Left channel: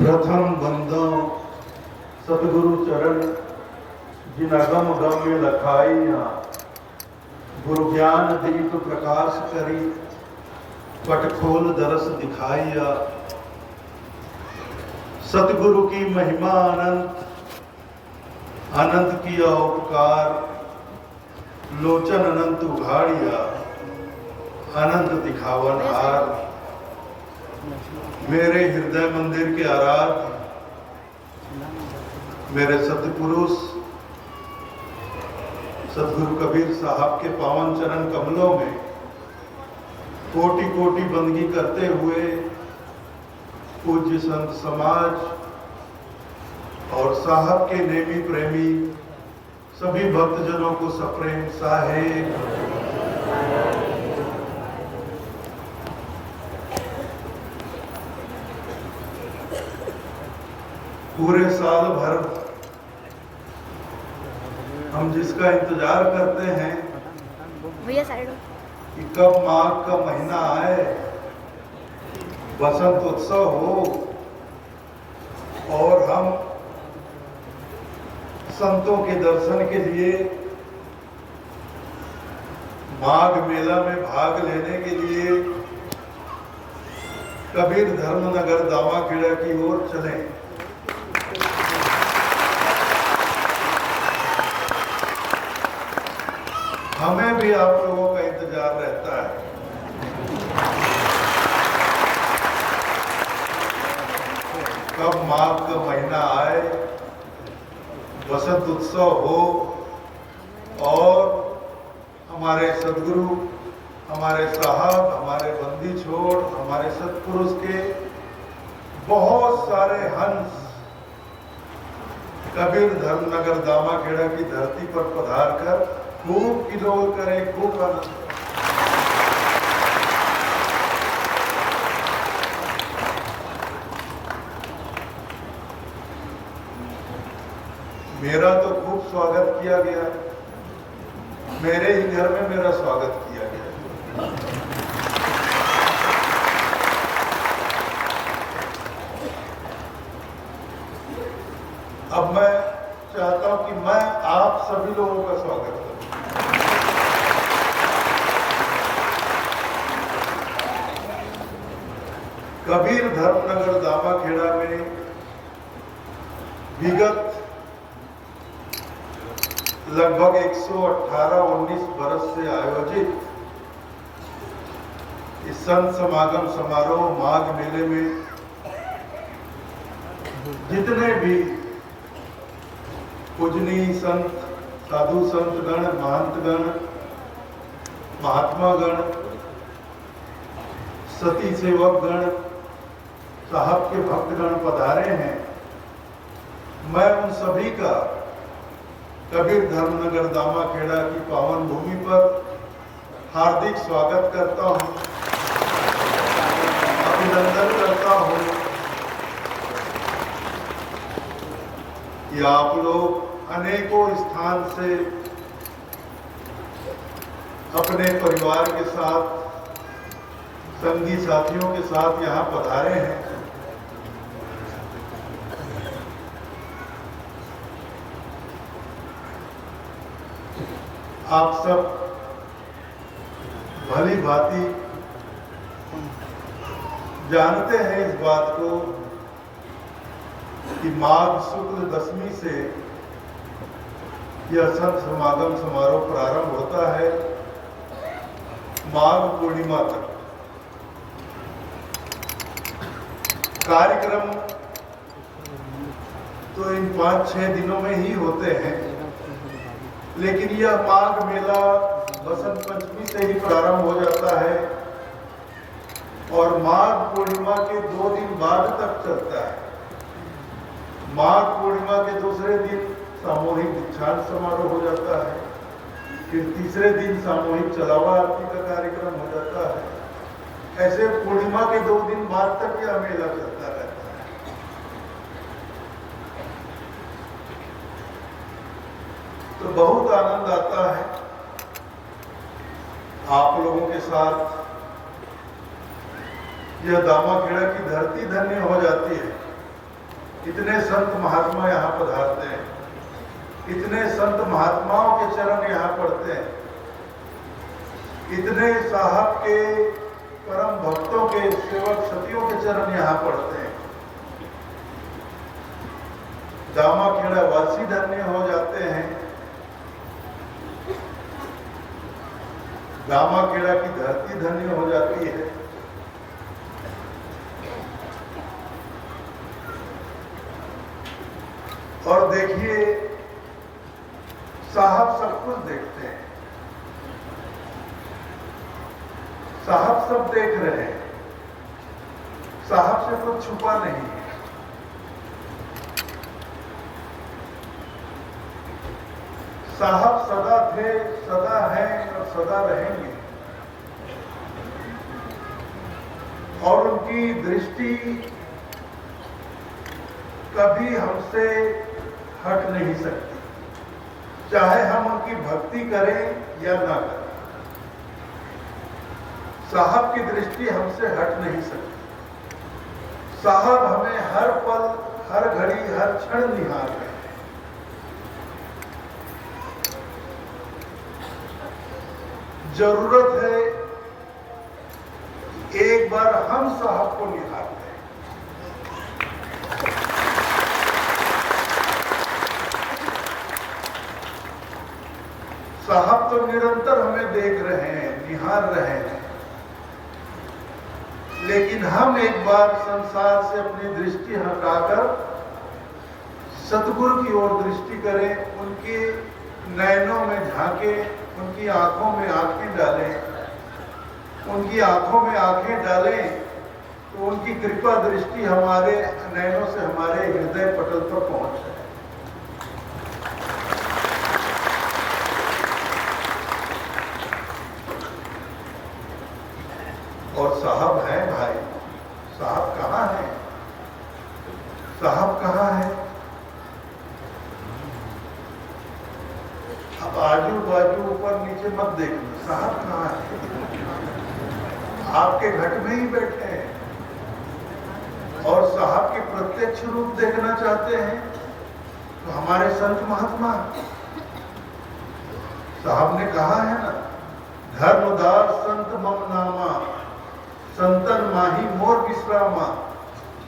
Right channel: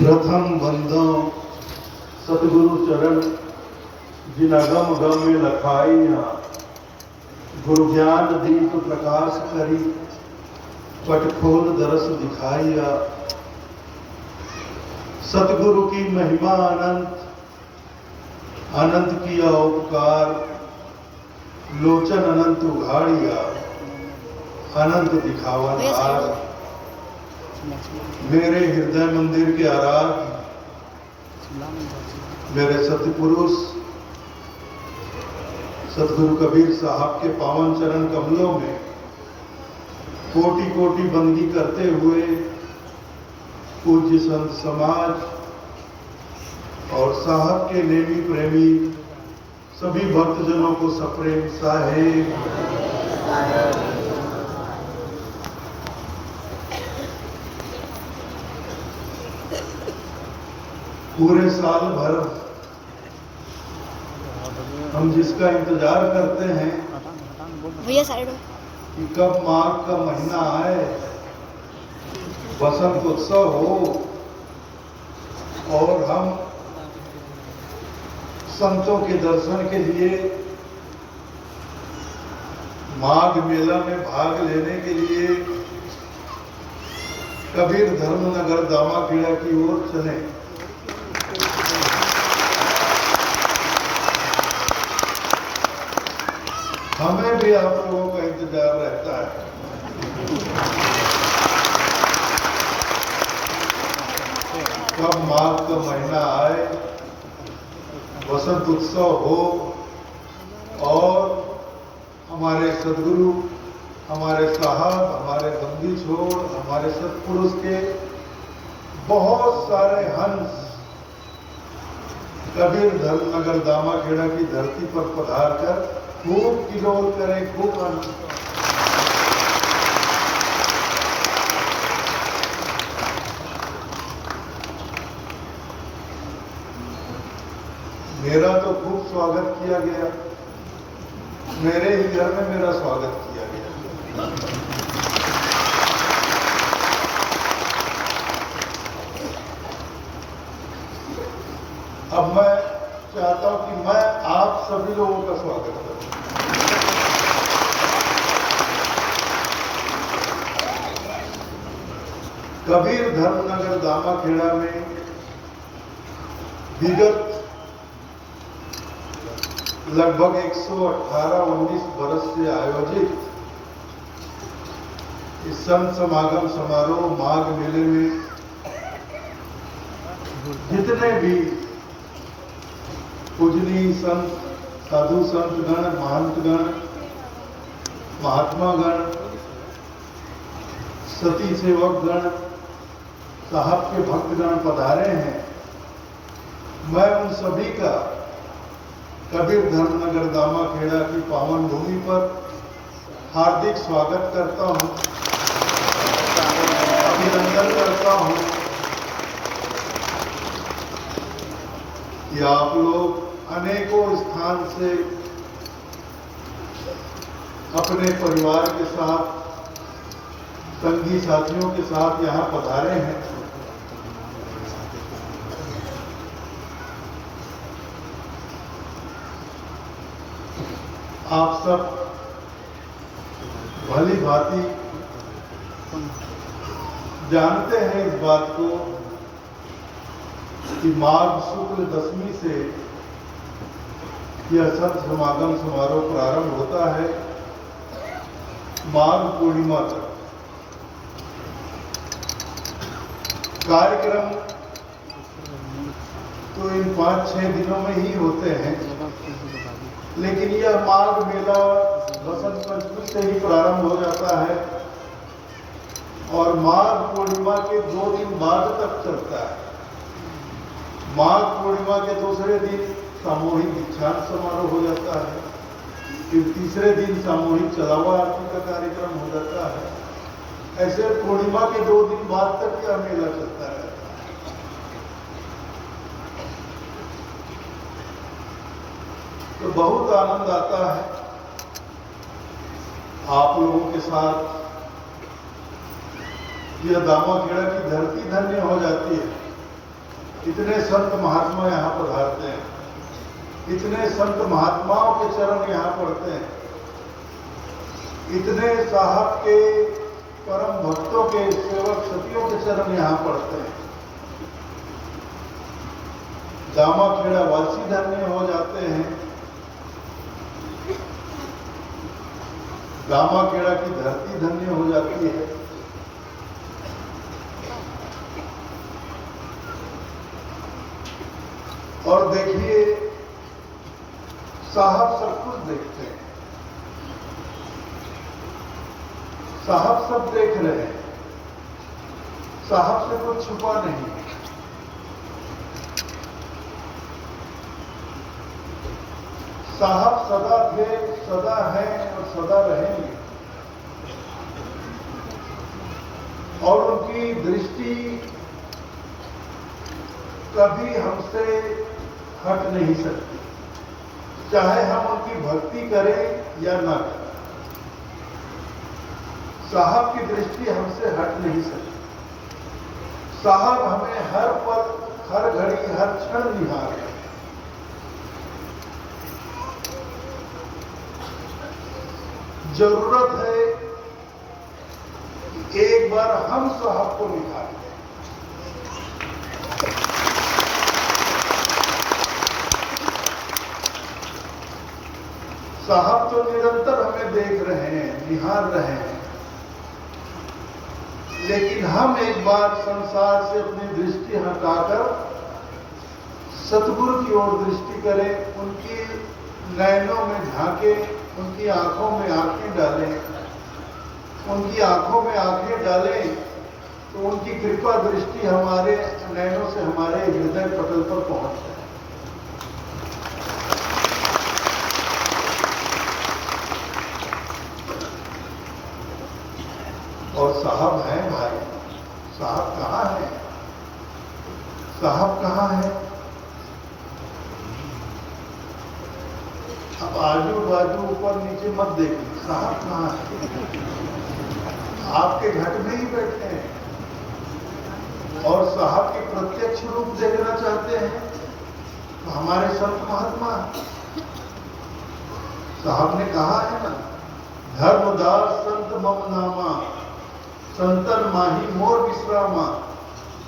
प्रथम बंदो सतगुरु चरण जिन अगम गम में लखाइया, गुरु ज्ञान दीप प्रकाश करी पट खोल दरस दिखाइया। सतगुरु की महिमा अनंत, अनंत किया उपकार, लोचन अनंत उघाड़िया, अनंत दिखावन हार। मेरे हृदय मंदिर के आराध्य मेरे सतपुरुष सतगुरु कबीर साहब के पावन चरण कमलों में कोटि कोटि बंदगी करते हुए पूज्य संत समाज और साहब के नेमी प्रेमी सभी भक्तजनों को सप्रेम साहेब। पूरे साल भर हम जिसका इंतजार करते हैं भैया साइड कि कब माघ का महीना आए, बसंत उत्सव हो और हम संतों के दर्शन के लिए माघ मेला में भाग लेने के लिए कबीर धर्मनगर दामाखेड़ा की ओर चलें। हमें भी आप लोगों का इंतजार रहता है। कब माघ का महीना आए, वसंत उत्सव हो और हमारे सदगुरु, हमारे साहब, हमारे बंदी छोड़, हमारे सतपुरुष के बहुत सारे हंस कबीर धर्मनगर दामाखेड़ा की धरती पर पधार कर खूब किलोल करें, खूब आनंद। मेरा तो खूब स्वागत किया गया, मेरे ही घर में मेरा स्वागत किया गया। अब मैं चाहता हूं कि मैं आप सभी लोगों का स्वागत करूं। कबीर धर्मनगर दामाखेड़ा में विगत लगभग 118-19 बरस से आयोजित इस संत समागम समारोह माघ मेले में जितने भी पूजनीय संत, साधु संत गण, महंत गण, महात्मा गण, सती सेवक गण, साहब के भक्तगण पधारे हैं, मैं उन सभी का कबीर धर्मनगर दामाखेड़ा की पावन भूमि पर हार्दिक स्वागत करता हूं, अभिनंदन करता हूं कि आप लोग अनेकों स्थान से अपने परिवार के साथ, संगी साथियों के साथ यहाँ पधारे हैं। आप सब भली भांति जानते हैं इस बात को कि माघ शुक्ल दशमी से यह संत समागम समारोह प्रारंभ होता है माघ पूर्णिमा तक। कार्यक्रम तो इन 5-6 दिनों में ही होते हैं, लेकिन यह माघ मेला बसंत पंचमी से ही प्रारंभ हो जाता है और माघ पूर्णिमा के 2 दिन बाद तक चलता है। माघ पूर्णिमा के दूसरे दिन सामूहिक दीक्षांत समारोह हो जाता है, फिर तीसरे दिन सामूहिक चलावा आरती का कार्यक्रम हो जाता है। ऐसे पूर्णिमा के 2 दिन बाद तक यह मेला चलता है। तो बहुत आनंद आता है आप लोगों के साथ। यह दामाखेड़ा की धरती धन्य हो जाती है इतने संत महात्मा यहाँ पधारते हैं, इतने संत महात्माओं के चरण यहाँ पड़ते हैं, इतने साहब के परम भक्तों के सेवक सतियों के चरण यहाँ पड़ते हैं। जामा खेड़ा वासी धन्य हो जाते हैं, जामा खेड़ा की धरती धन्य हो जाती है। और देखिए साहब सब कुछ देखते हैं, साहब सब देख रहे हैं, साहब से कुछ छुपा नहीं है। साहब सदा थे, सदा हैं और सदा रहेंगे, और उनकी दृष्टि कभी हमसे हट नहीं सकती, चाहे हम उनकी भक्ति करें या ना करें। साहब की दृष्टि हमसे हट नहीं सकती। साहब हमें हर पल, हर घड़ी, हर क्षण निहारे। जरूरत है एक बार हम साहब को निहार लें। साहब तो निरंतर हमें देख रहे हैं, निहार रहे हैं, लेकिन हम एक बार संसार से अपनी दृष्टि हटाकर सतगुरु की ओर दृष्टि करें, उनके नयनों में झांके, उनकी आंखों में आंखें डालें, उनकी आंखों में आंखें डालें, तो उनकी कृपा दृष्टि हमारे नयनों से हमारे हृदय पटल पर पहुंच जाए। और साहब है भाई, साहब कहाँ है? साहब कहाँ है? अब आजू बाजू ऊपर नीचे मत देखो, साहब कहाँ है? आपके घर में ही बैठे हैं, और साहब के प्रत्यक्ष रूप देखना चाहते हैं तो हमारे संत महात्मा, साहब ने कहा है ना, धर्मदास संत मम नामा, संतन माही मोर विश्रामा,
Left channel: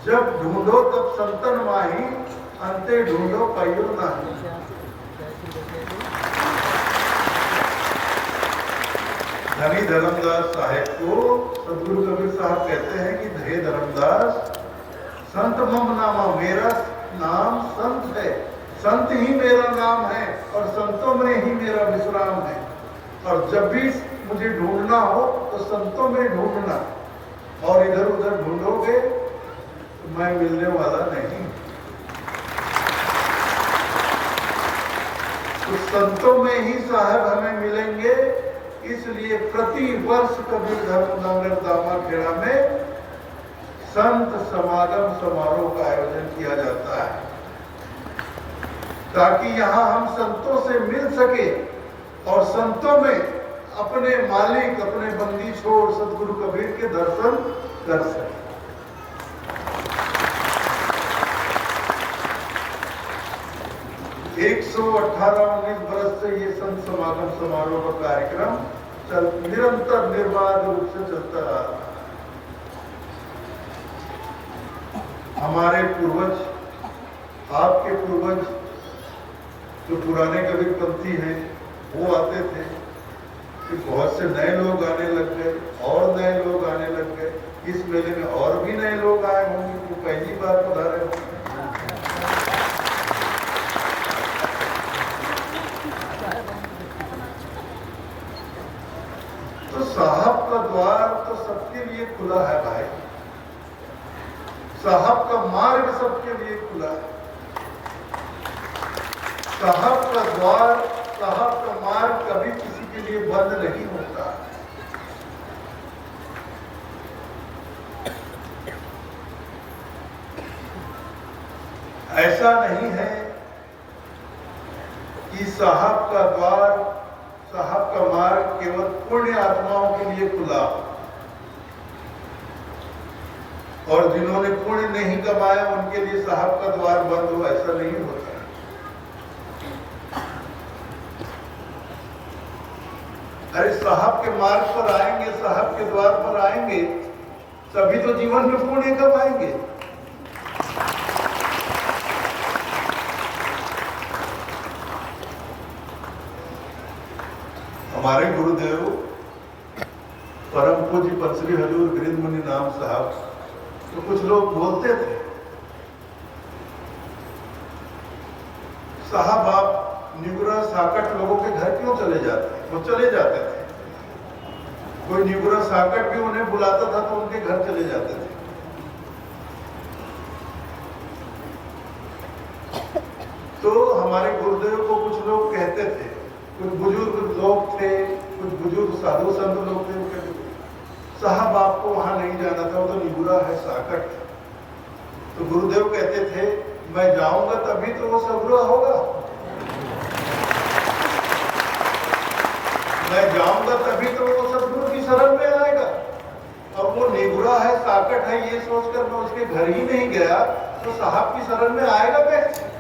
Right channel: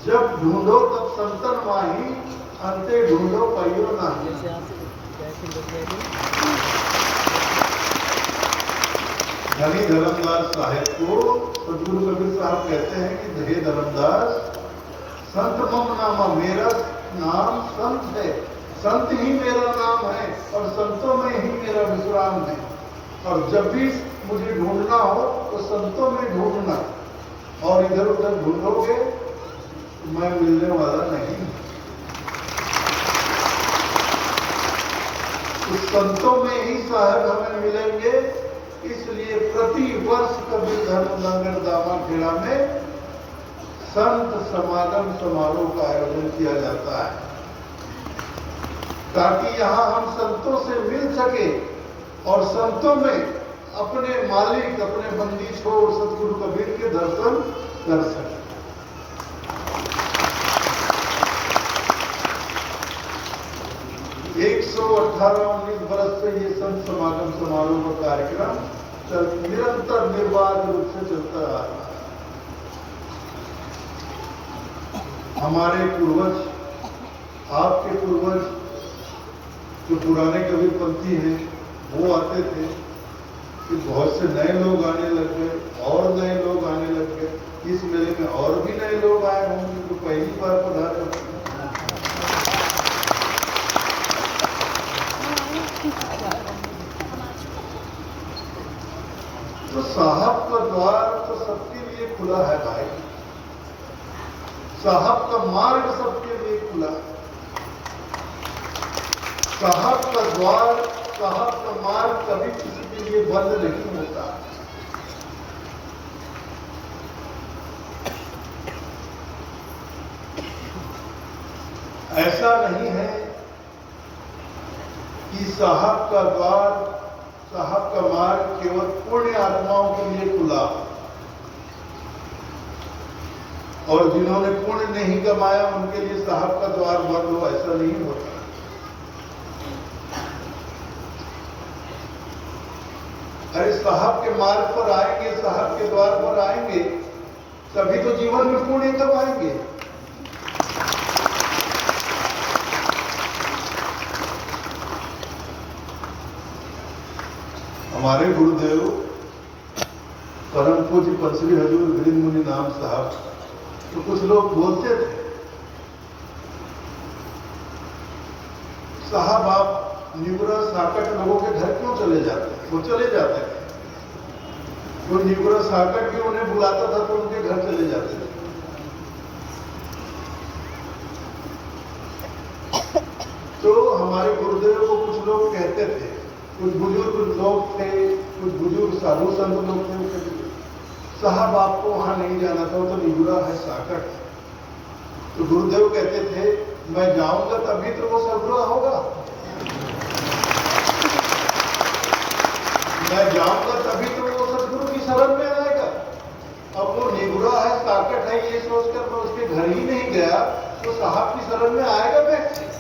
जब ढूंढो तब संतन माही, अंते ढूंढो पयो नाही। धनी धर्मदास साहेब को सदगुरु कबीर साहब कहते हैं कि हे धर्मदास, संत मम नामा, मेरा नाम संत है, संत ही मेरा नाम है, और संतों में ही मेरा विश्राम है। और जब भी मुझे ढूंढना हो तो संतों में ढूंढना, और इधर उधर ढूंढोगे तो मैं मिलने वाला नहीं। तो संतों में ही साहब हमें मिलेंगे, इसलिए प्रति वर्ष कबीर धर्मनगर दामा खेड़ा में संत समागम समारोह का आयोजन किया जाता है, ताकि यहाँ हम संतों से मिल सके और संतों में अपने मालिक, अपने बंदी छोड़ सतगुरु कबीर के दर्शन कर सके। 118-19 बरस से ये संत समागम समारोह का कार्यक्रम निरंतर निर्बाध रूप से चलता रहा। हमारे पूर्वज, आपके पूर्वज जो पुराने कबीरपंथी हैं, वो आते थे कि बहुत से नए लोग आने लग गए, और नए लोग आने लग गए। इस मेले में और भी नए लोग आए होंगे जो पहली बार पधारे होंगे। तो साहब का द्वार तो सबके लिए खुला है भाई, साहब का मार्ग सबके लिए खुला है। साहब का द्वार, साहब का मार्ग कभी किसी के लिए बंद नहीं होता। ऐसा नहीं है कि साहब का द्वार, साहब का मार्ग केवल पुण्य आत्माओं के लिए खुला। और जिन्होंने पुण्य नहीं कमाया उनके लिए साहब का द्वार बंद हो, ऐसा नहीं होता। अरे साहब के मार्ग पर आएंगे, साहब के द्वार पर आएंगे, तभी तो जीवन में पुण्य कमाएंगे। हमारे गुरुदेव परम पूज्य पंचरी हजूर गिरिंद मुनि नाम साहब, तो कुछ लोग बोलते थे, साहब आप निगुरा साकट लोगों के घर क्यों चले जाते हैं? वो चले जाते थे, कोई निगुरा साकट भी उन्हें बुलाता था तो उनके घर चले जाते थे। तो हमारे गुरुदेव को कुछ लोग कहते थे, कुछ बुजुर्ग लोग थे, कुछ बुजुर्ग साधु संत लोग थे, साहब आपको वहां नहीं जाना था, तो निगुरा है, साकट। तो गुरुदेव कहते थे मैं जाऊंगा तभी तो वो सगुरा होगा, मैं जाऊंगा तभी तो वो सदगुरु की शरण में आएगा। अब वो निगुरा है, साकट है, ये सोचकर मैं उसके घर ही नहीं गया तो साहब की शरण में आएगा कैसे?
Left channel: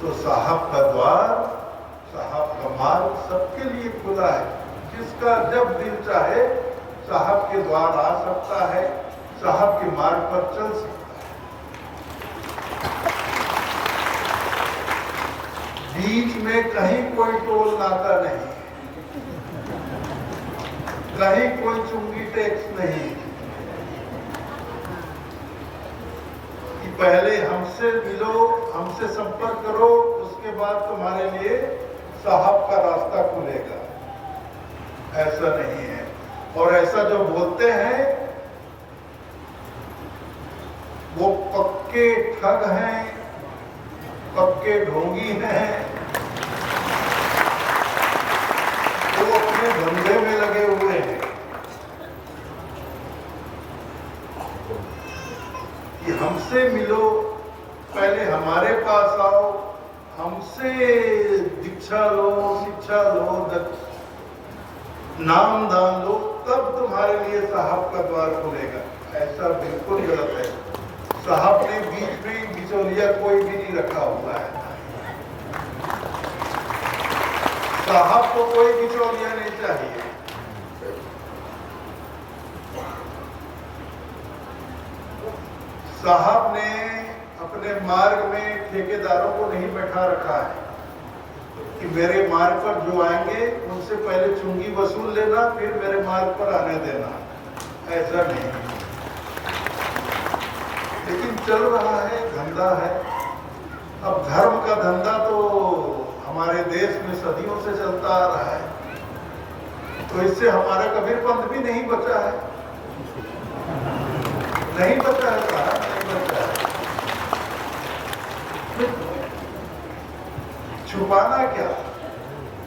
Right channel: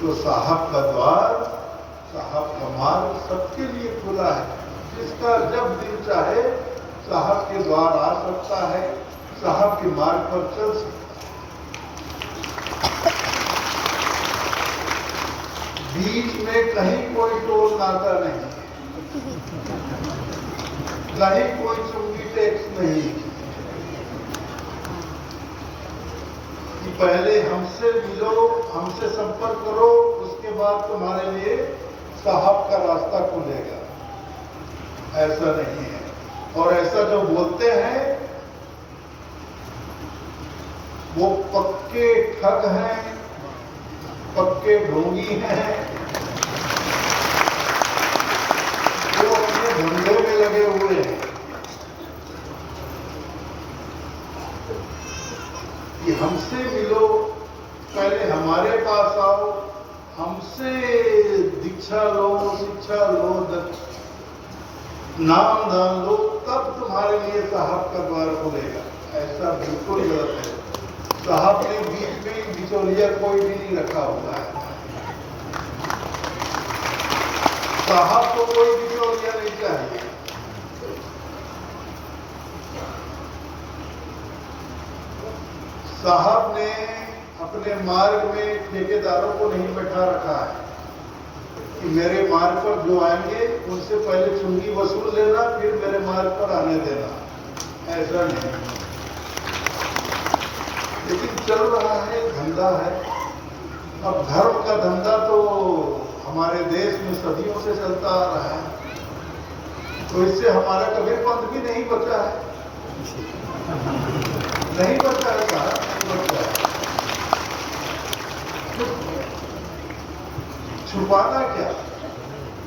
तो साहब का द्वार, साहब का मार्ग सबके लिए खुला है। जिसका जब दिल चाहे साहब के द्वार आ सकता है, साहब के मार्ग पर चल सकता है। बीच में कहीं कोई टोल नाका नहीं, कहीं कोई चुंगी टैक्स नहीं कि पहले हमसे मिलो, हमसे संपर्क करो, उसके बाद तुम्हारे लिए साहब का रास्ता खुलेगा। ऐसा नहीं है। और ऐसा जो बोलते हैं वो पक्के ठग हैं, पक्के ढोंगी हैं, वो अपने धंधे में लगे हुए हैं कि हमसे मिलो, पहले हमारे पास आओ, हमसे दीक्षा लो, शिक्षा लो, नाम दान लो, तब तुम्हारे लिए साहब का द्वार खुलेगा। ऐसा बिल्कुल गलत है। साहब ने बीच में बिचौलिया कोई भी नहीं रखा हुआ है। साहब को कोई बिचौलिया नहीं चाहिए। साहब ने अपने मार्ग में ठेकेदारों को नहीं बैठा रखा है कि मेरे मार्ग पर जो आएंगे उनसे पहले चुंगी वसूल लेना, फिर मेरे मार्ग पर आने देना। ऐसा नहीं। लेकिन चल रहा है, धंधा है। अब धर्म का धंधा तो हमारे देश में सदियों से चलता आ रहा है, तो इससे हमारा कबीरपंथ भी नहीं बचा है, नहीं बचा है साहब, नहीं बचा है। छुपाना क्या,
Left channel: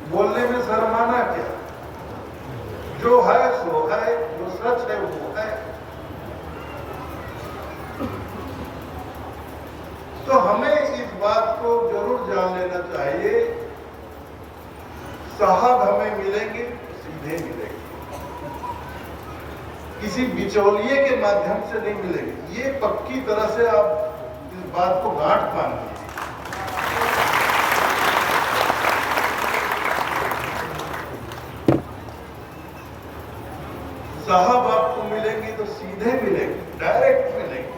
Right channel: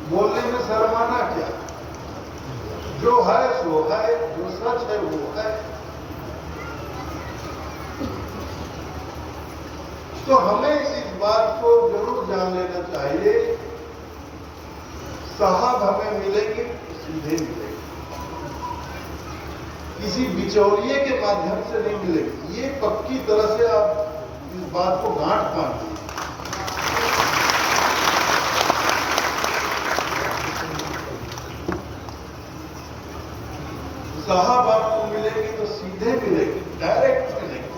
बोलने में शर्माना क्या? जो है सो है, जो सच है वो है। तो हमें इस बात को जरूर जान लेना चाहिए, साहब हमें मिलेंगे सीधे मिलेंगे, किसी बिचौलिए के माध्यम से नहीं मिलेंगे। ये पक्की तरह से आप इस बात को गांठ बांध लीजिए। साहब आपको मिलेंगे तो सीधे मिलेंगे, डायरेक्ट मिलेंगे।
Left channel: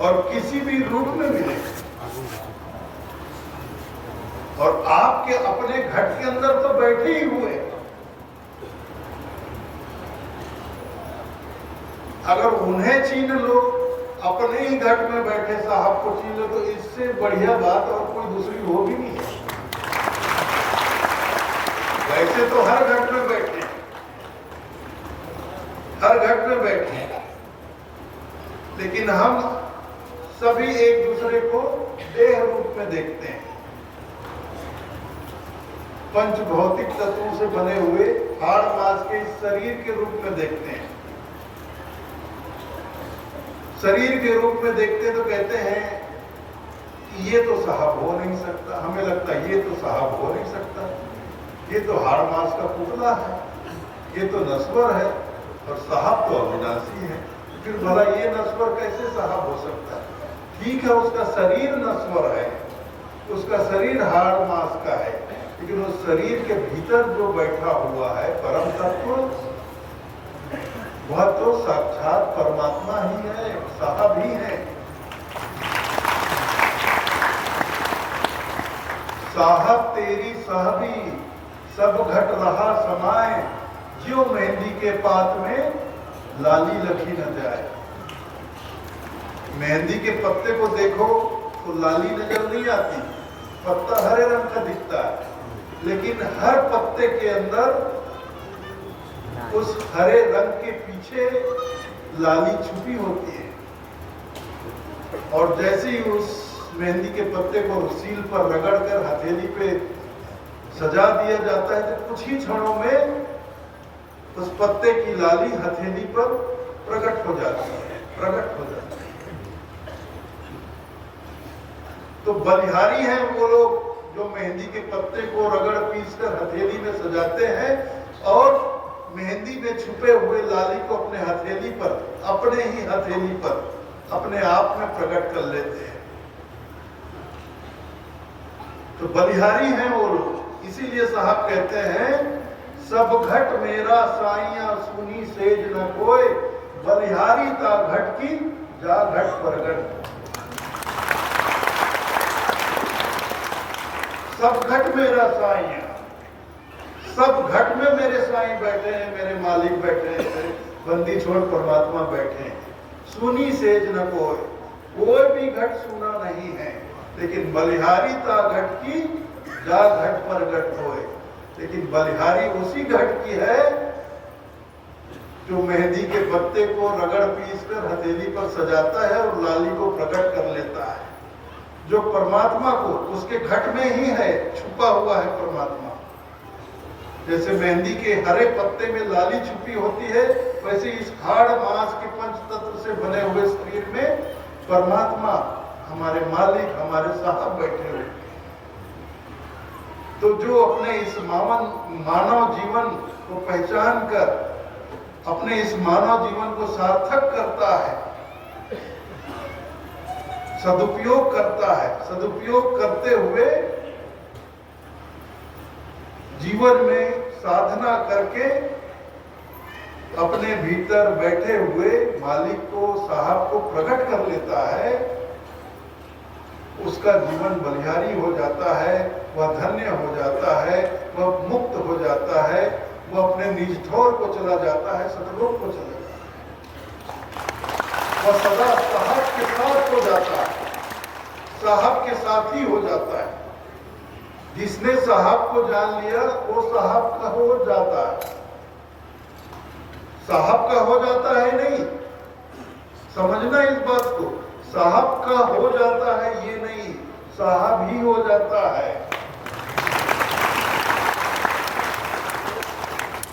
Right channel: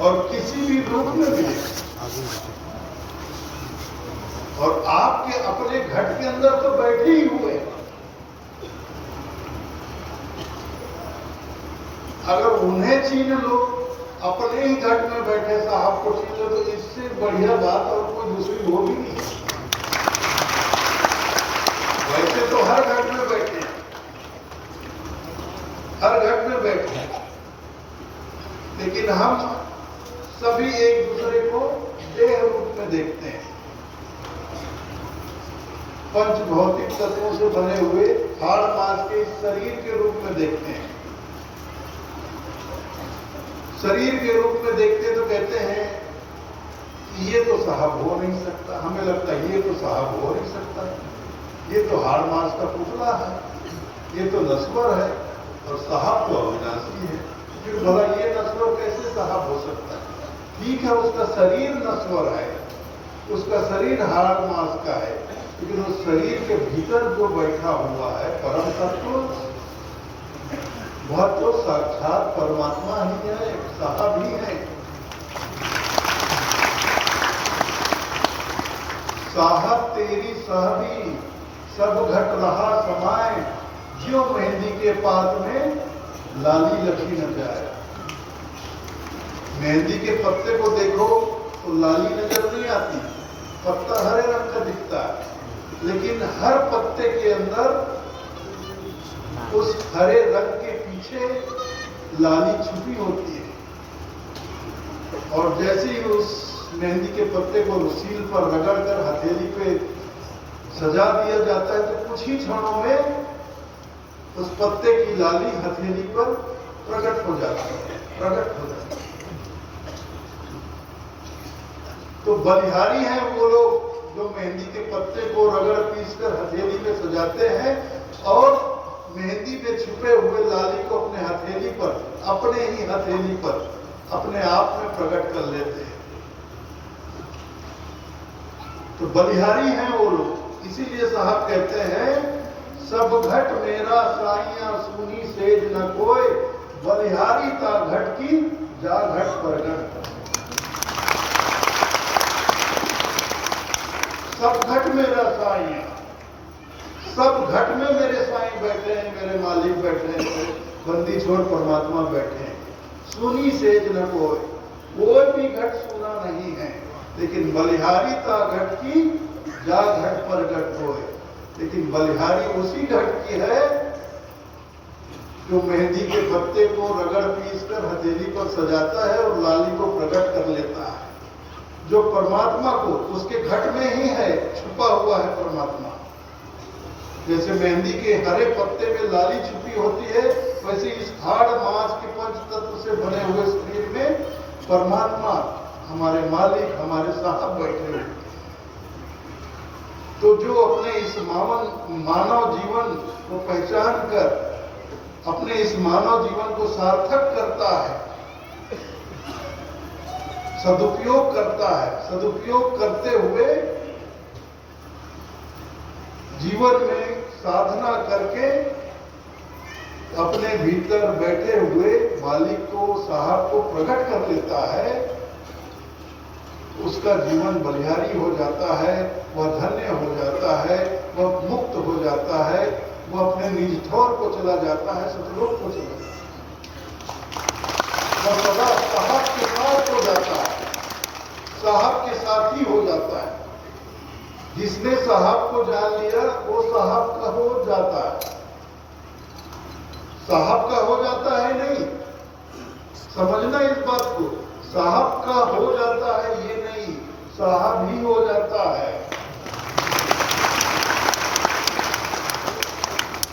और किसी भी रूप में मिलेगा। और आपके अपने घट के अंदर तो बैठे ही हुए। अगर उन्हें छीन लो, अपने ही घट में बैठे साहब को छीन लो, तो इससे बढ़िया बात और कोई दूसरी हो भी नहीं है। वैसे तो हर घट में बैठे हैं, हर घट में बैठे हैं, लेकिन हम सभी एक दूसरे को देह रूप में देखते हैं। पंच भौतिक तत्वों से बने हुए हाड़ मांस के शरीर के रूप में देखते हैं। शरीर के रूप में देखते तो कहते हैं कि ये तो साहब हो नहीं सकता, हमें लगता है ये तो साहब हो नहीं सकता, ये तो हाड़ मांस का पुतला है, ये तो नस्वर है, और साहब तो अविनाशी है। फिर भला ये नस्वर कैसे साहब हो सकता है? ठीक है, उसका शरीर नस्वर है, उसका शरीर हाड़ मांस का है, लेकिन उस शरीर के भीतर जो बैठा हुआ है परम तत्व, वह तो साक्षात परमात्मा ही है, साहब ही है। साहब तेरी साहबी सब घट रहा समाए, ज्यों मेहंदी के पात में लाली लखी न जाए। मेहंदी के पत्ते को देखो तो लाली नजर नहीं आती, पत्ता हरे रंग का दिखता है, लेकिन हर पत्ते के अंदर उस हरे रंग के पीछे लाली छुपी होती है। और जैसे ही उस मेहंदी के पत्ते को सील पर रगड़कर हथेली पे सजा दिया जाता है, तो कुछ ही क्षणों में उस पत्ते की लाली हथेली पर प्रकट हो जाती है, प्रकट हो जाती है। तो बलिहारी हैं वो लोग जो मेहंदी के पत्ते को रगड़ पीसकर हथेली में सजाते हैं और मेहंदी में छुपे हुए लाली को अपने हथेली पर, अपने ही हथेली पर अपने आप में प्रकट कर लेते हैं। तो बलिहारी हैं वो लोग। इसीलिए साहब कहते हैं, सब घट मेरा साइया सुनी सेज न कोई, बलिहारी ता घट की जा घट प्रगट। सब घट मेरा साइया, सब घट में मेरे साईं बैठे हैं, मेरे मालिक बैठे हैं, मेरे बंदी छोड़ परमात्मा बैठे हैं। सुनी सेज न कोई भी घट सुना नहीं है, लेकिन बलिहारी ता घट की जा घट पर घट होए। लेकिन बलिहारी उसी घट की है जो मेहंदी के पत्ते को रगड़ पीसकर हथेली पर सजाता है और लाली को प्रकट कर लेता है। जो परमात्मा को उसके घट में ही है, छुपा हुआ है परमात्मा। जैसे मेहंदी के हरे पत्ते में लाली छुपी होती है, वैसे इस हाड़ मांस के पंच तत्व से बने हुए शरीर में परमात्मा, हमारे मालिक, हमारे साहब बैठे हुए। तो जो अपने इस मानव जीवन को पहचान कर अपने इस मानव जीवन को सार्थक करता है, सदुपयोग करता है, सदुपयोग करते हुए जीवन में साधना करके अपने भीतर बैठे हुए मालिक को, साहब को प्रकट कर लेता है, उसका जीवन बलिहारी हो जाता है, वह धन्य हो जाता है, वह मुक्त हो जाता है, वह अपने निज ठौर को चला जाता है, सतलोक को चला जाता है, वह सदा साहब के साथ हो जाता है, साहब के साथ ही हो जाता है। जिसने साहब को जान लिया वो साहब का हो जाता है। साहब का हो जाता है नहीं, समझना इस बात को, साहब का हो जाता है ये नहीं, साहब ही हो जाता है।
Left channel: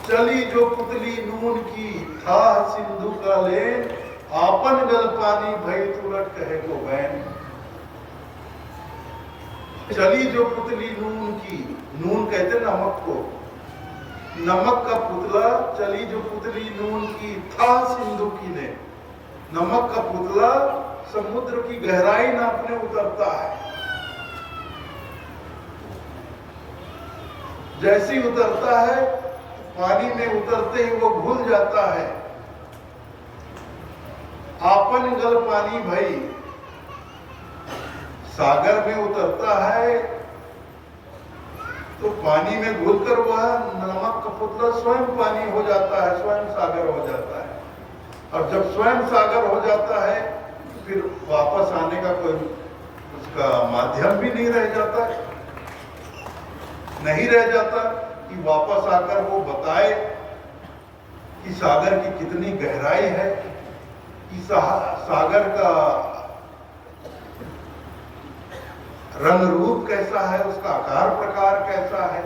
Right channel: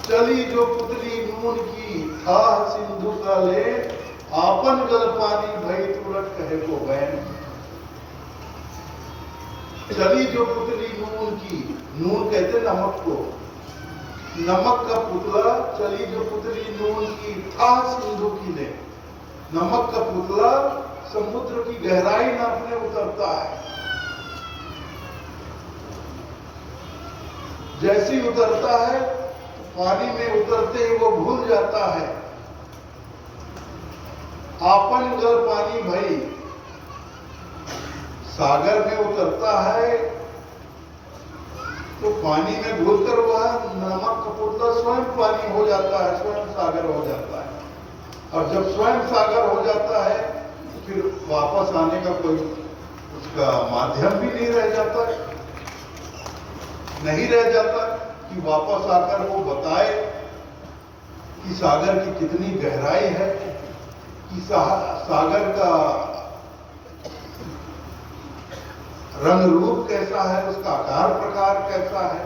चली जो पुतली नून की था सिंधु का ले, आपन जल पानी भई तुरंत कहे को बैन। चली जो पुतली नून की, नून कहते नमक को, नमक का पुतला, चली जो पुतली नून की था सिंधु की ले। नमक का पुतला समुद्र की गहराई नापने उतरता है, जैसे ही उतरता है पानी में उतरते ही वो भूल जाता है। आपन गल पानी भई, सागर में उतरता है तो पानी में घुलकर वह नमक का पुतला स्वयं पानी हो जाता है, स्वयं सागर हो जाता है। और जब स्वयं सागर हो जाता है तो फिर वापस आने का कोई उसका माध्यम भी नहीं रह जाता, नहीं रह जाता कि वापस आकर वो बताए कि सागर की कितनी गहराई है, कि सागर का रंग रूप कैसा है, उसका आकार प्रकार कैसा है,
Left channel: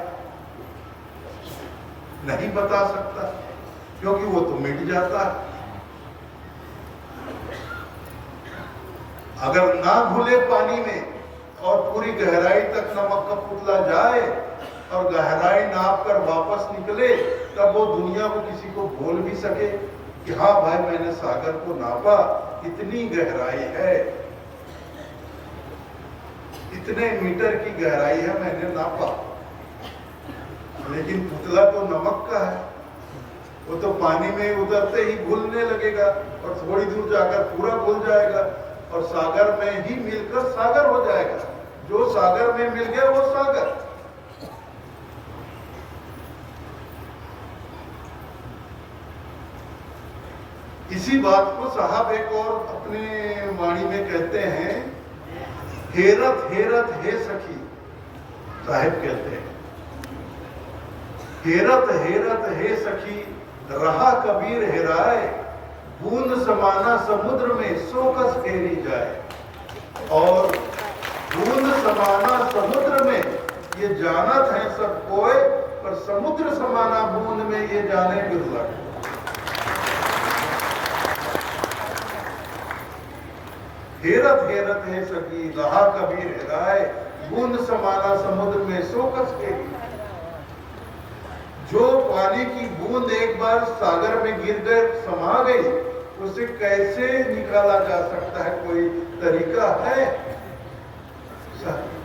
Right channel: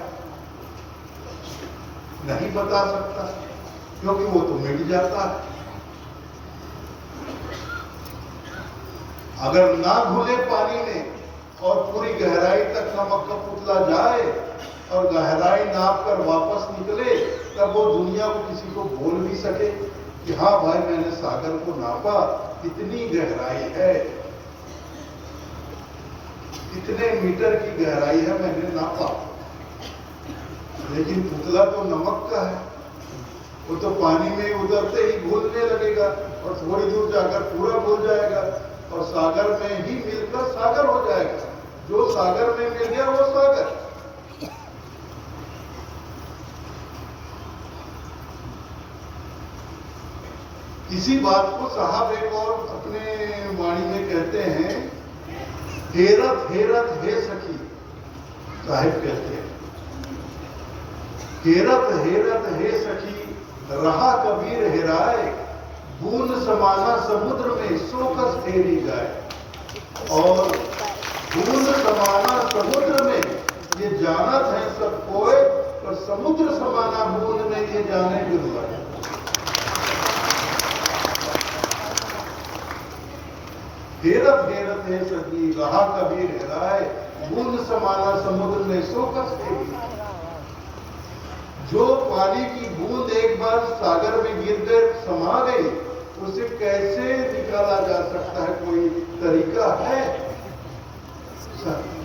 नहीं बता सकता, क्योंकि वो तो मिट जाता है। अगर ना घुले पानी में और पूरी गहराई तक नमक का पुतला जाए और गहराई नाप कर वापस निकले, तब वो दुनिया को किसी को बोल भी सके कि हाँ भाई मैंने सागर को नापा, इतनी गहराई है, इतने मीटर की गहराई है, मैंने नापा। लेकिन पुतला तो नमक का है, वो तो पानी में उतरते ही घुलने लगेगा और थोड़ी दूर जाकर पूरा घुल जाएगा और सागर में ही मिलकर सागर हो जाएगा। जो सागर में मिल गया वो सागर। इसी बात को साहब एक और अपने वाणी में कहते हैं, हेरत हेरत हे सखी, साहब कहते हैं हेरत हेरत हे सखी, रहा कबीर हेराए, बूंद समाना समुद्र में सो कस फेरी जाए। और बूंद समाना समुद्र में ये जानत है सब कोय, पर समुद्र समाना बूंद में ये जाने बिरला। हेरत हेरत है सखी, रहा कबीर हेराए, बूंद समाना समुद्र में सो कस फेरी। जो पानी की बूंद एक बार सागर में गिर गए, समा गई, उसे कैसे निकाला जा सकता है? कोई तरीका है?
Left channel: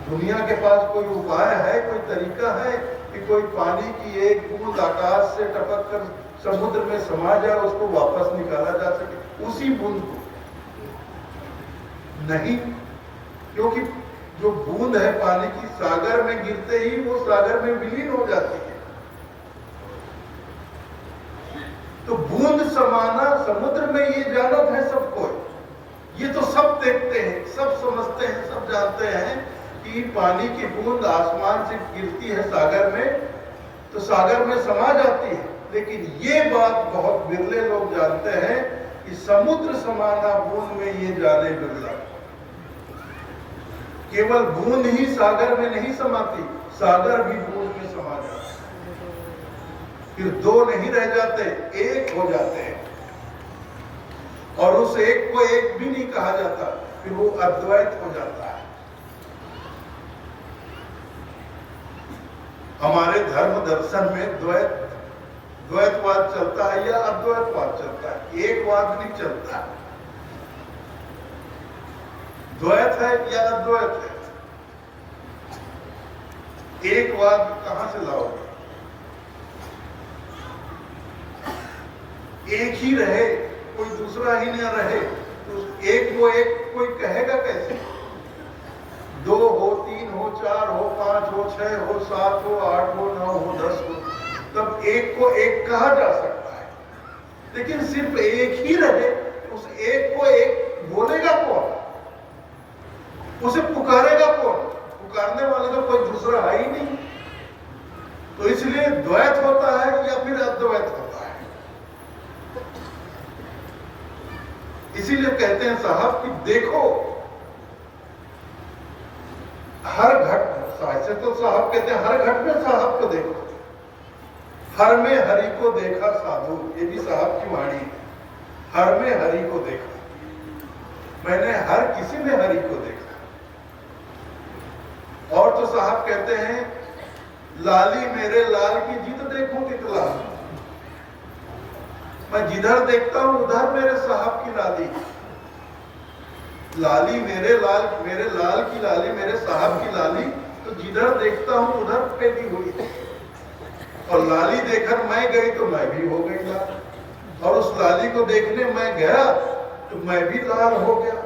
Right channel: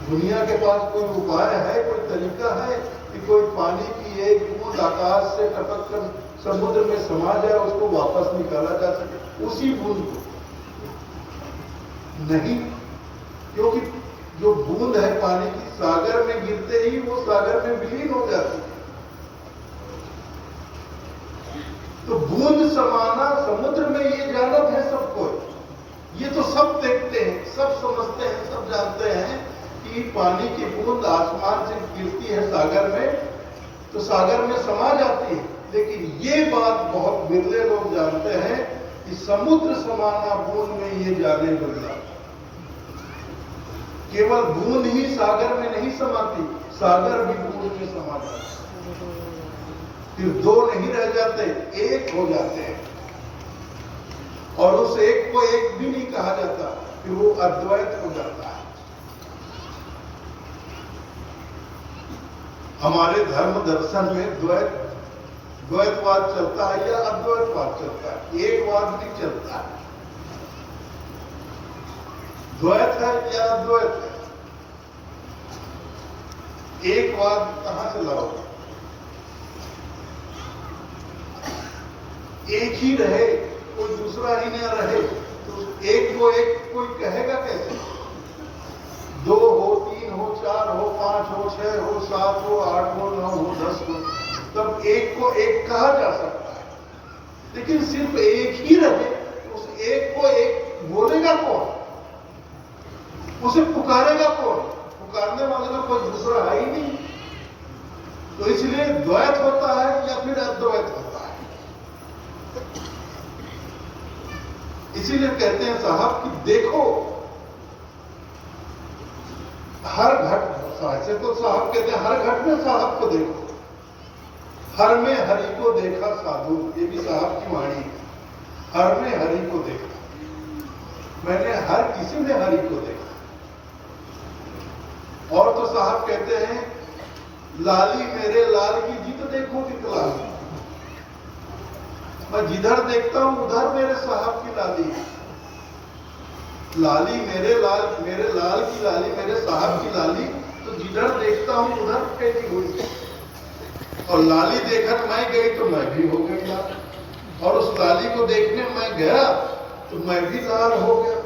दुनिया के पास कोई उपाय है, कोई तरीका है कि कोई पानी की एक बूंद आकाश से टपक कर समुद्र में समा जाए, उसको वापस निकाला जा सके उसी बूंद को? नहीं, क्योंकि जो बूंद है पानी की, सागर में गिरते ही वो सागर में विलीन हो जाती है। तो बूंद समाना समुद्र में ये जानत है सबको, ये तो सब देखते हैं, सब समझते हैं, सब जानते हैं कि पानी की बूंद आसमान से गिरती है सागर में तो सागर में समा जाती है। लेकिन ये बात बहुत बिरले लोग जानते हैं कि समुद्र समाना बूंद में ये जाने बिरला। केवल बूंद ही सागर में नहीं समाती, सागर भी बूंद में समा जाता है। फिर दो नहीं रह जाते, एक हो जाते हैं। और उस एक को एक भी नहीं कहा जाता, फिर वो अद्वैत हो जाता है। हमारे धर्म दर्शन में द्वैतवाद चलता है या अद्वैतवाद चलता है, एकवाद नहीं चलता। द्वैत है या अद्वैत है? एकवाद कहां से लाओगे? एक ही रहे, कोई दूसरा ही न रहे, तो एक को एक कोई कहेगा कैसे? दो हो, तीन हो, चार हो, पांच हो, छह हो, सात हो, आठ हो, 9 हो, 10 हो, तब एक को एक कहा जा सकता है। लेकिन सिर्फ एक ही रहे, उस एक को एक बोलेगा कौन? उसे पुकारेगा कौन? पुकारने वाले का कोई दूसरा है ही नहीं। तो इसलिए द्वैत होता है या फिर अद्वैत होता है। इसीलिए कहते हैं साहब कि देखो हर घट, ऐसे तो साहब कहते हैं हर घट में साहब को देखो, हर में हरि को देखा साधु, ये भी साहब की वाणी है। हर में हरि को देखा, मैंने हर किसी में हरि को देखा। और तो साहब कहते हैं लाली मेरे लाल की जिद देखो कितना, मैं जिधर देखता हूं उधर मेरे साहब की लाली। लाली मेरे लाल की लाली, मेरे साहब की लाली, तो जिधर देखता हूं उधर पैदी हुई। और लाली देखकर मैं गई तो मैं भी हो गई लाल, और उस लाली को देखने मैं गया तो मैं भी लाल हो गया,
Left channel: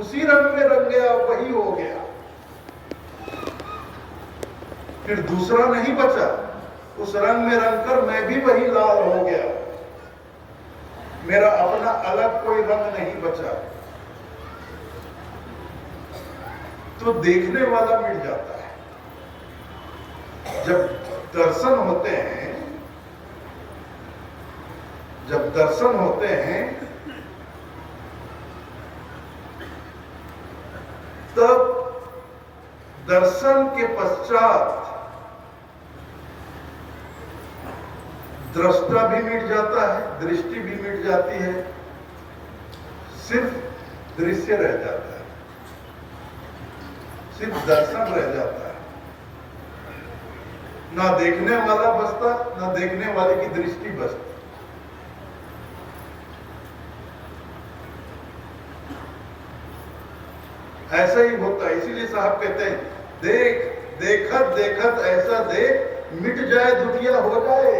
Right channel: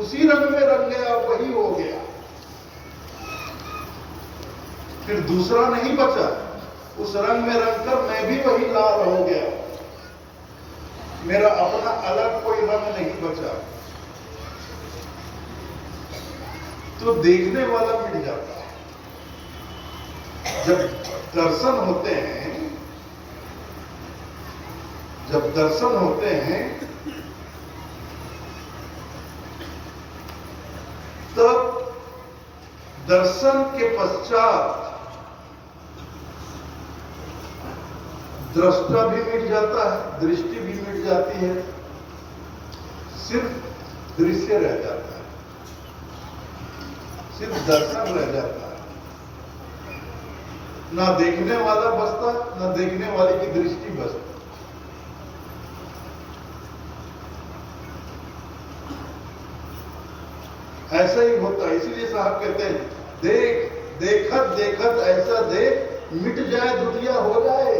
उसी रंग में रंग गया, वही हो गया। फिर दूसरा नहीं बचा, उस रंग में रंग कर मैं भी वही लाल हो गया। मेरा अपना अलग कोई रंग नहीं बचा। तो देखने वाला मिट जाता है। जब दर्शन होते हैं, जब दर्शन होते हैं तब दर्शन के पश्चात दृष्टा भी मिट जाता है, दृष्टि भी मिट जाती है, सिर्फ दृश्य रह जाता है, सिर्फ दर्शन रह जाता है, ना देखने वाला बचता, ना देखने वाले की दृष्टि बचती। ऐसा ही होता है। इसीलिए साहब कहते हैं, देख देखत देखत ऐसा देख, मिट जाए दुनिया हो जाए।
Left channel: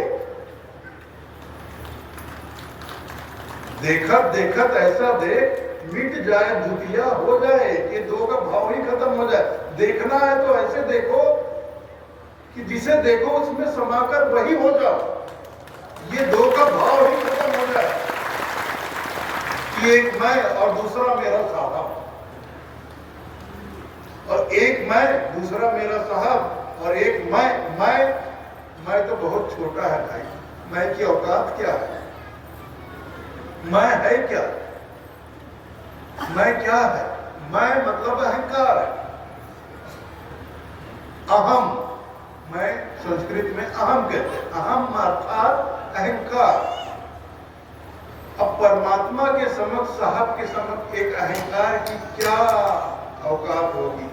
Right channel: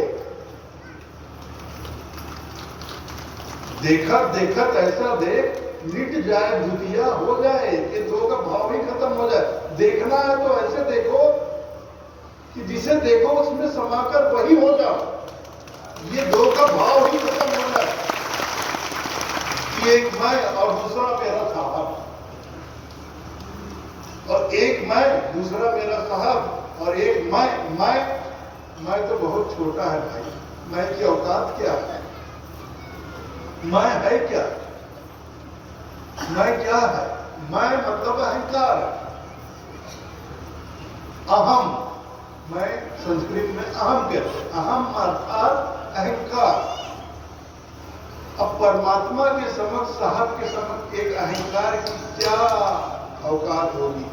देखत देखत ऐसा देख, मिट जाए दुनिया हो जाए। ये दो का भाव ही खत्म हो जाए। देखना है तो ऐसे देखो कि जिसे देखो उसमें समाकर वही हो जाओ। ये दो का भाव ही खत्म हो जाए कि एक मैं और दूसरा मेरा साहब, और एक मैं दूसरा मेरा साहब, और एक मैं तो बहुत छोटा है भाई। मैं की औकात क्या है? मैं है क्या? मैं क्या है? मैं मतलब अहंकार है, अहम। मैं संस्कृत में अहम कहते हैं। अहम अर्थात अहंकार। अब परमात्मा के समक्ष, साहब के समक्ष एक अहंकार की क्या औकात होगी?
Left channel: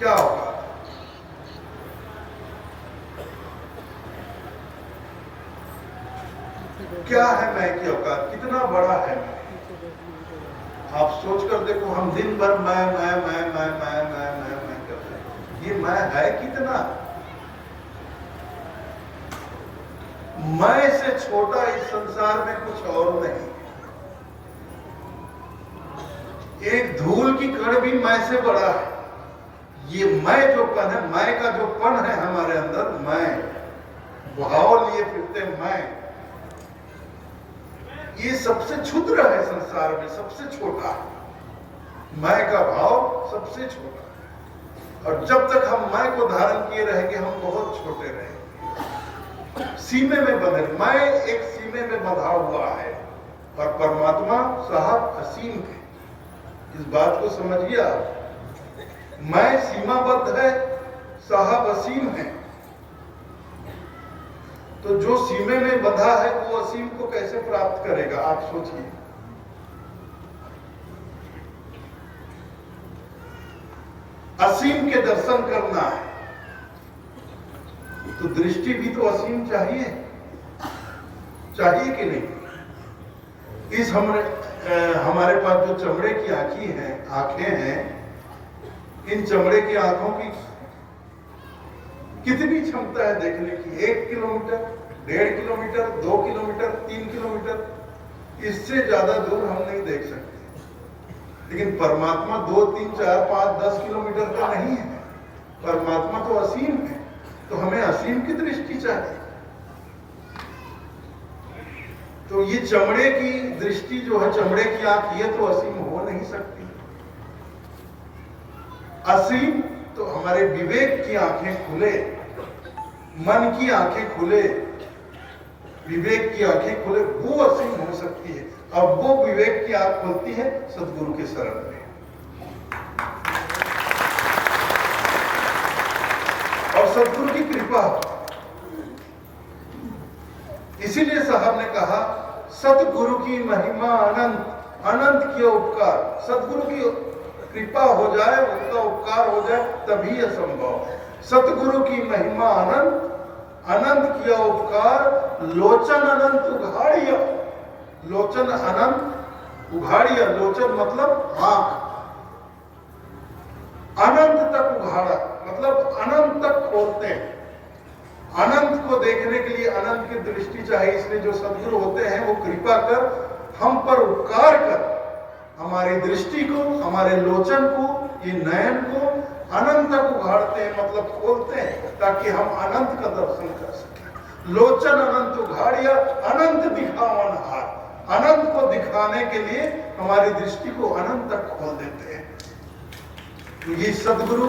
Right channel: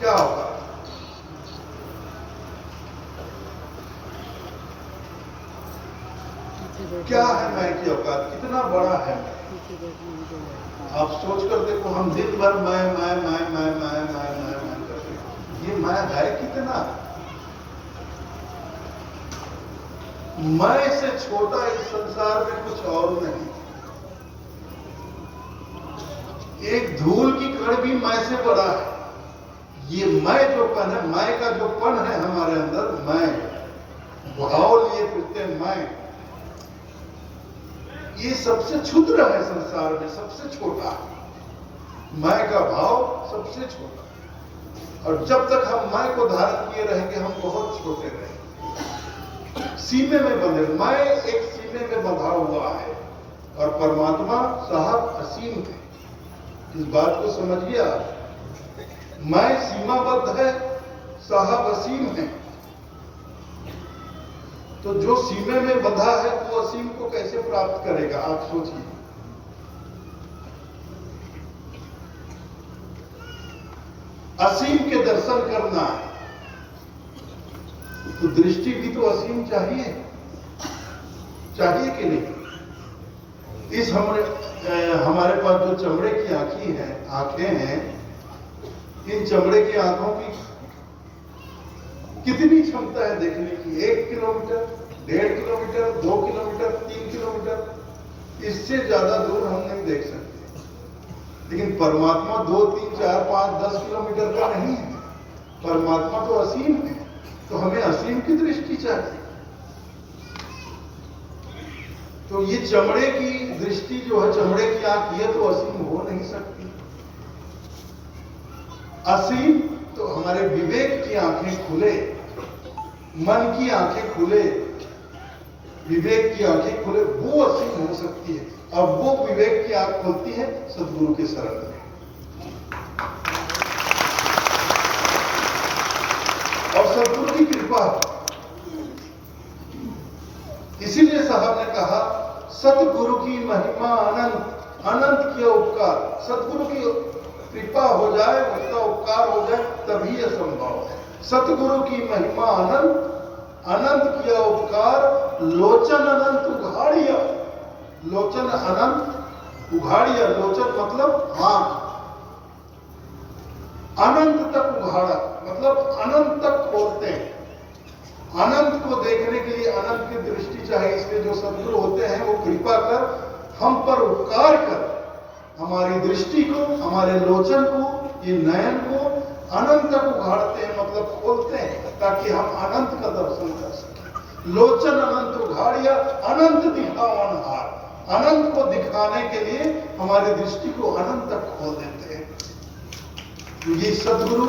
क्या औकात? क्या है मैं की औकात? कितना बड़ा है मैं? आप सोच कर देखो, हम दिन भर मैं करते हैं। ये मैं है कितना? मैं से छोटा इस संसार में कुछ और नहीं। एक धूल की कण भी मैं से बड़ा है। ये मैं जो पन है, मैं का जो पन है हमारे अंदर, मैं भाव लिए फिरते मैं, ये सबसे क्षुद्र है संसार में, सबसे छोटा है। मैं का भाव सबसे छोटा। और जब तक हम मैं को धारण किए रहेंगे, हम बहुत छोटे रहेंगे, सीमे में बंधे। मैं एक सीमे में बंधा हुआ है और परमात्मा साहब असीम है। इस बात को समझिए आप। मैं सीमाबद्ध है, साहब असीम है। तो जो सीमे में बंधा है वो असीम को कैसे प्राप्त करेगा? आप सोचिए। असीम के दर्शन करना है तो दृष्टि भी तो असीम चाहिए कि नहीं? इस हमारे पास जो चमड़े की आंखें हैं, इन चमड़े की आंखों की कितनी क्षमता है देखने की? 1 किलोमीटर, 1.5 किलोमीटर, 2 किलोमीटर, 3 किलोमीटर, इससे ज्यादा दूर हम नहीं देख सकते। लेकिन परमात्मा 2, 3, 4, 5, 10 किलोमीटर का नहीं है। परमात्मा तो असीम है, तो हमें असीम की दृष्टि चाहिए। तो ये चमड़े की दृष्टि जो है, चमड़े की आंख, ये तो असीम हो नहीं सकती। असीम तो हमारे विवेक की आंखें खुले, मन की आंखें खुले, विवेक की आंखें खुले, वो असीम हो सकती है। और वो विवेक की आंख खुलती है सद्गुरु के शरण में। और सद्गुरु की कृपा। इसीलिए साहब ने कहा, सतगुरु की महिमा अनंत, अनंत किया उपकार। सतगुरु की कृपा हो जाए, उसका उपकार हो जाए, तभी यह संभव है। सतगुरु की महिमा अनंत, अनंत किया उपकार, लोचन अनंत उघाड़िया। लोचन अनंत उघाड़िया, लोचन मतलब आंख, अनंत तक उघाड़ा, मतलब अनंत तक खोलते हैं। अनंत को देखने के लिए अनंत की दृष्टि चाहिए। इसलिए जो सद्गुरु होते हैं वो कृपा कर, हम पर उपकार कर, हमारी दृष्टि को, हमारे लोचन को, ये नयन को अनंत तक उघाड़ते हैं, मतलब खोलते हैं, ताकि हम अनंत का दर्शन कर सकें। लोचन अनंत उघाड़िया, अनंत दिखावन हार। अनंत को दिखाने के लिए हमारी दृष्टि को अनंत तक खोल देते हैं। तो ये सद्गुरु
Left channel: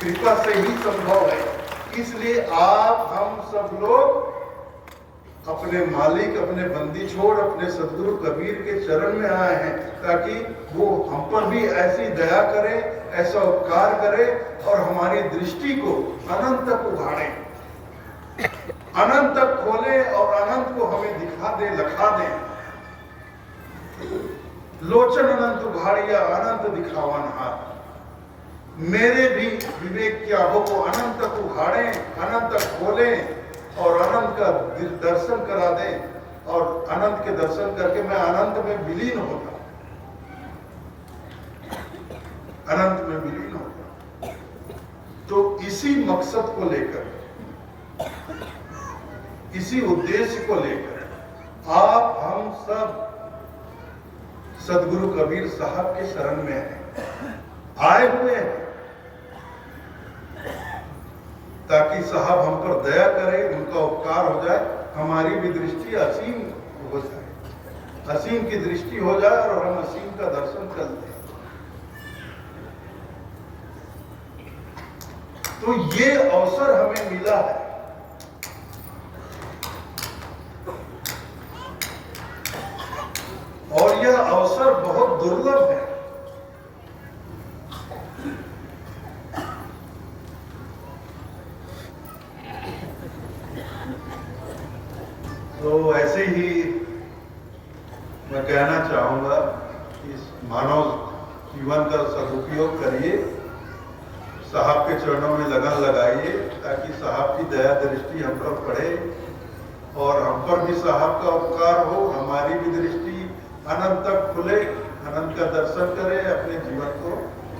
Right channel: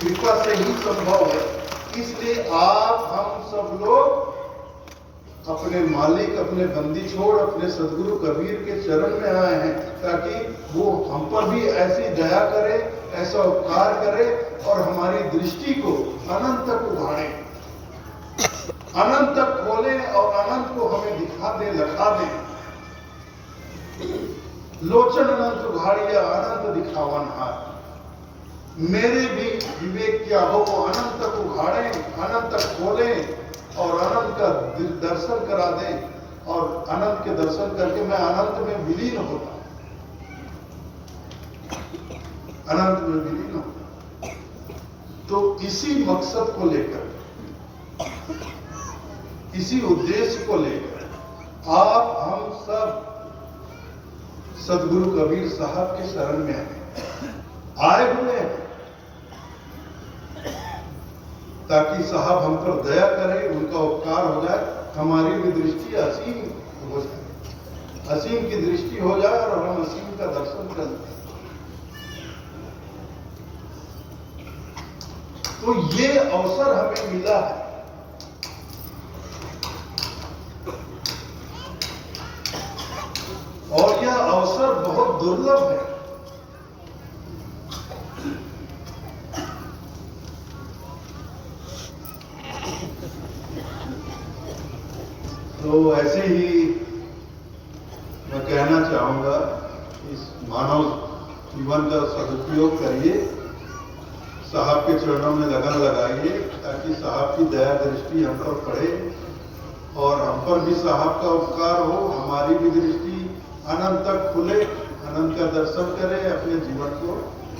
कृपा से ही संभव है। इसलिए आप, हम सब लोग अपने मालिक, अपने बंदी छोड़, अपने सद्गुरु कबीर के चरण में आए हैं, ताकि वो हम पर भी ऐसी दया करे, ऐसा उपकार करे और हमारी दृष्टि को अनंत तक उघाड़े, अनंत तक खोले और अनंत को हमें दिखा दे, लखा दे। लोचन अनंत उघाड़िया, अनंत दिखावन हाथ। मेरे भी विवेक की आभों को अनंत तक उघाड़े, अनंत तक खोले और अनंत का दर्शन करा दें और अनंत के दर्शन करके मैं अनंत में विलीन होता, अनंत में विलीन होता। तो इसी मकसद को लेकर, इसी उद्देश्य को लेकर आप हम सब सदगुरु कबीर साहब के शरण में आए हुए हैं, ताकि साहब हम पर दया करें, उनका उपकार हो जाए, हमारी भी दृष्टि असीम हो जाए, असीम की दृष्टि हो जाए और हम असीम का दर्शन कर लें। तो ये अवसर हमें मिला है। और यह अवसर बहुत दुर्लभ है। तो ऐसे ही मैं कहना चाहूंगा, इस मानव जीवन का सदुपयोग करिए, साहब के चरणों में लगन लगाइए, ताकि साहब की दया दृष्टि हम पर पड़े और हम पर भी साहब का उपकार हो, हमारी भी दृष्टि अनंत तक खुले, अनंत का दर्शन करें, अपने जीवन को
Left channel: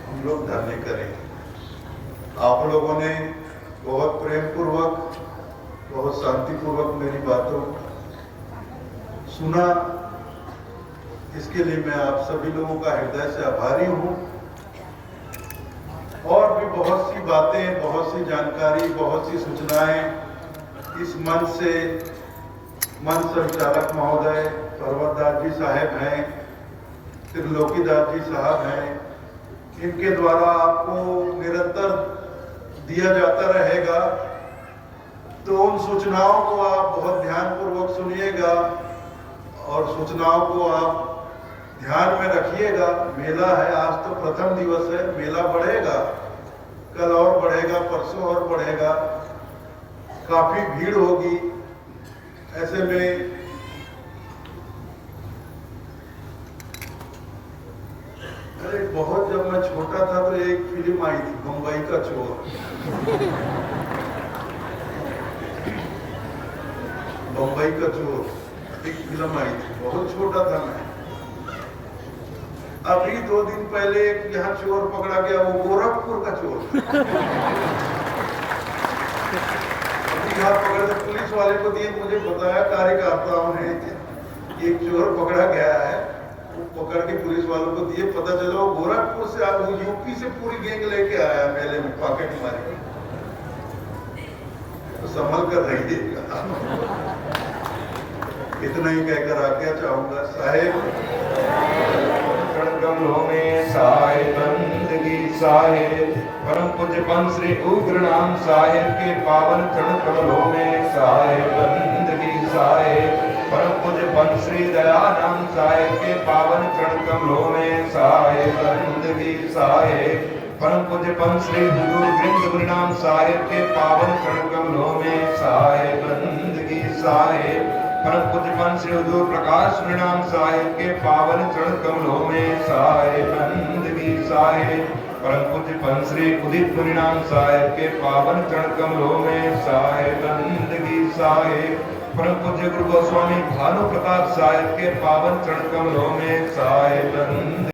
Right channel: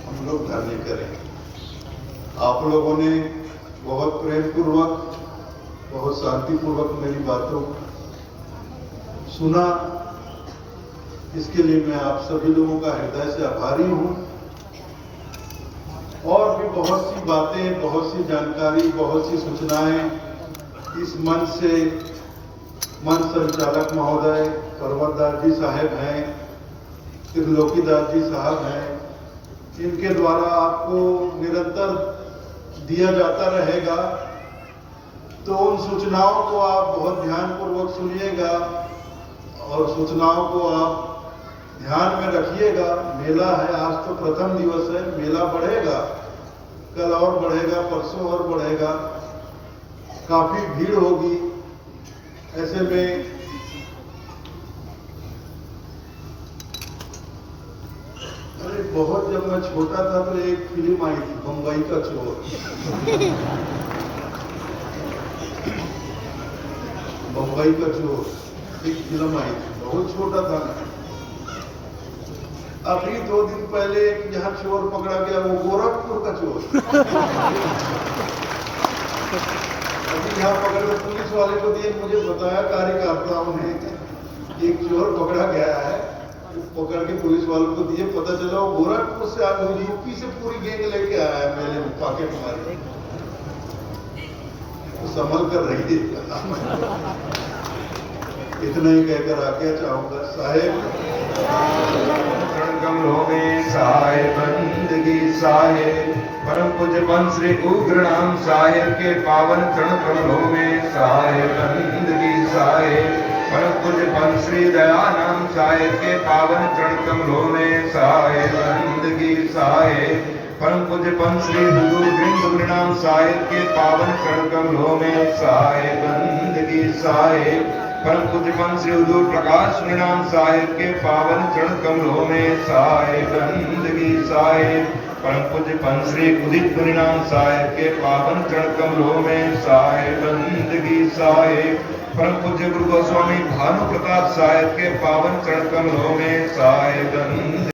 हम लोग धन्य करें। आप लोगों ने बहुत प्रेम पूर्वक, बहुत शांतिपूर्वक मेरी बातों सुना, इसके लिए मैं आप सभी लोगों का हृदय से आभारी हूँ। और भी बहुत सी बातें, बहुत सी जानकारी, बहुत सी सूचनाएं इस मंच से मंच संचालक महोदय पर्वतदास जी साहब हैं, त्रिलोकीदास जी साहब हैं, इनके द्वारा आपको निरंतर दिया जाता रहेगा। तो उन सूचनाओं को आप बहुत ध्यानपूर्वक सुनिएगा और सूचनाओं को आप ध्यान में रखिएगा। मेला है, आज तो प्रथम दिवस है, मेला बढ़ेगा, कल और बढ़ेगा, परसों और बढ़ेगा, काफी भीड़ होगी। ऐसे में अरे बहुत, जब मैं छोटा था तो एक फिल्म आई थी, बम्बई का चोर। बम्बई का चोर एक फिल्म आई थी, बहुत छोटा था मैं। अभी 2 दिन पहले यहाँ चोर पकड़ा गया, वो गोरखपुर का चोर। अभी यहाँ पकड़े पुलिस वाले को दिए, मुझे बताया कार्यकर्ताओं ने एक चोर पकड़ा गया है, पकड़ के पुलिस वालों को दिए, पता चला वो गोरखपुर से आया, वो यूपी से पूरी गैंग लेके आया मेले में, पॉकेट मारी। तो संभल कर रहिए। इतना ही कहकर आज्ञा चाहूंगा। साहेब बंदगी साहेब, परम पूज्य पंथ श्री उग्र नाम साहेब के पावन चरण कमलों में साहेब बंदगी साहेब, परम पूज्य पंथ श्री दया नाम साहेब के पावन चरण कमलों में साहेब बंदगी साहेब, परम पूज्य पंथ श्री गुरु नाम साहेब के पावन चरण कमलों में साहेब बंदगी साहेब, परम पूज्य पंथ श्री उद्धव प्रकाश नाम साहेब के पावन चरण कमलों में साहेब बंदगी साहेब, परम पूज्य पंथ श्री उदित नाम साहेब के पावन चरण कमलों में साहेब बंदगी साहेब, परम पूज्य गुरु गोस्वामी भानु प्रताप साहेब के पावन चरण कमलों में साहेब